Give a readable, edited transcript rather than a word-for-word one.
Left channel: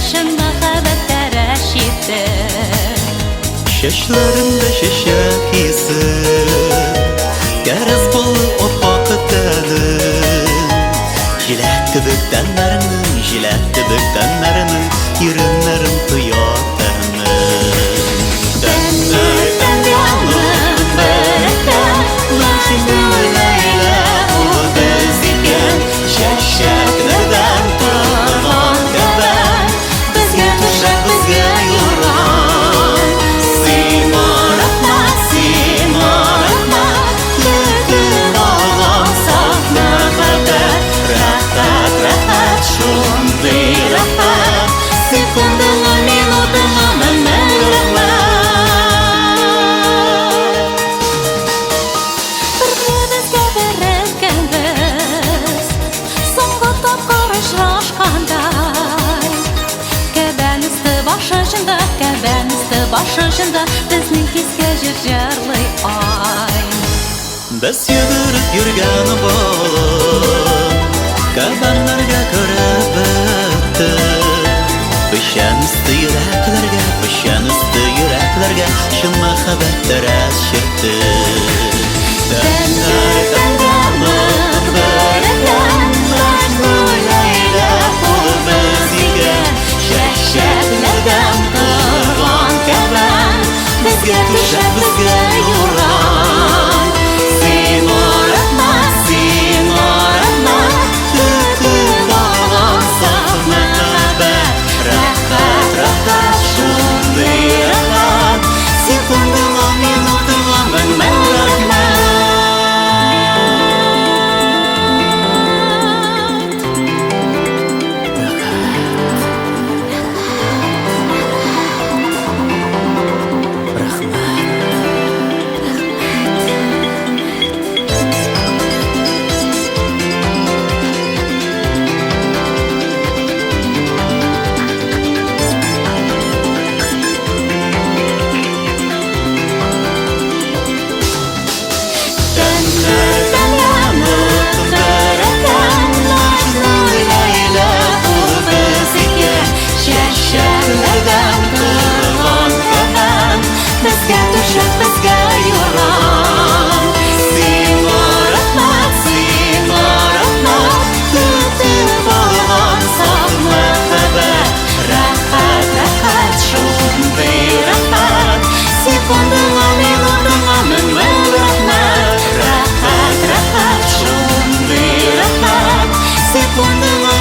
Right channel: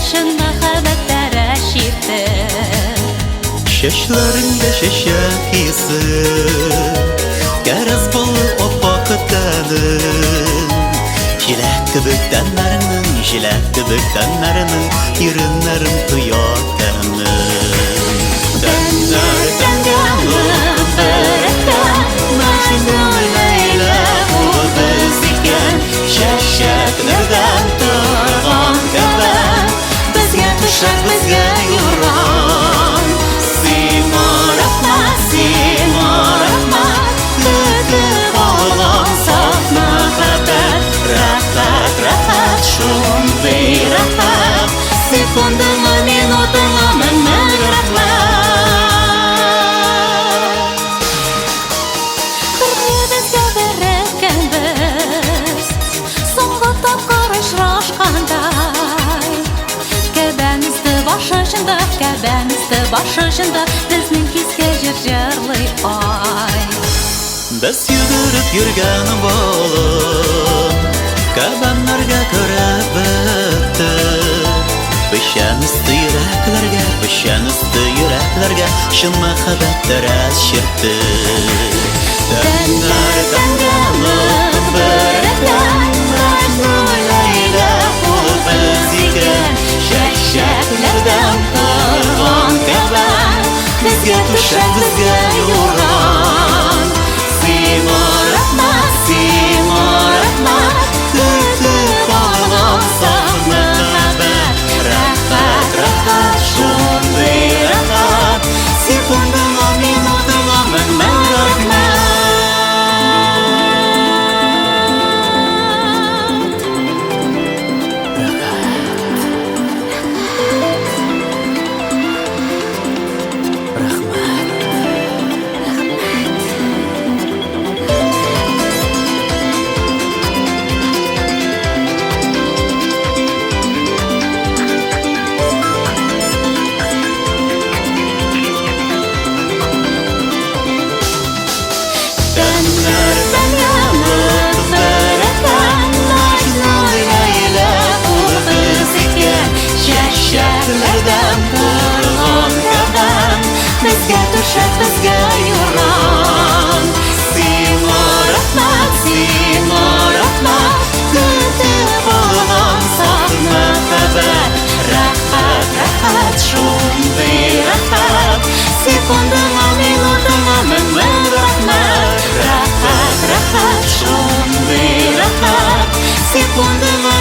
шын махаббаттары шерті. Шашларында шашак иісі, кәріз бұл оппақ тәнің. Жиләкті бүктәнләрінің, иренләрін туятының. Тәннәрдән янып бәрәкәт, Мәҗнүн Ләйлә ул без икән. Чәчәкләрдән торган кәбән, безгә түшәк, безгә юрган. Син марахмат, бетеп алган саф мәхәббәт. Рәхәт, шундый рәхәт, секундаңа, минутыңа мең рәхмәт. Бергә безгә береккәнбез, соңгы тапкыр очрашкандай. Кәбән өсте баш очында, безнең хискә җыр җырлый ай. Без йөгереп йөргән балым, кәбәннәргә кереп бетте. Печән өсте йөрәкләргә шын мәхәббәттәр чиртте. Тәннәрдән янып бәрәкәт, Мәҗнүн Ләйлә ул без икән. Чәчәкләрдән торган кәбән, безгә түшәк, безгә юрган. Син марахмат, бетеп алган саф мәхәббәт. Рәхәт, шундый рәхәт, секундаңа, минутыңа мең рәхмәт. Тәннәрдән янып бәрәкәт, Мәҗнүн Ләйлә ул без икән. Чәчәкләрдән торган кәбән, безгә түшәк, безгә юрган. Син марахмат, бетеп алган саф мәхәббәт. Рәхәт, шундый рәхәт, секундаңа, минутыңа мең рәхмәт. Рәхәт, шундый рәхәт, секундаңа,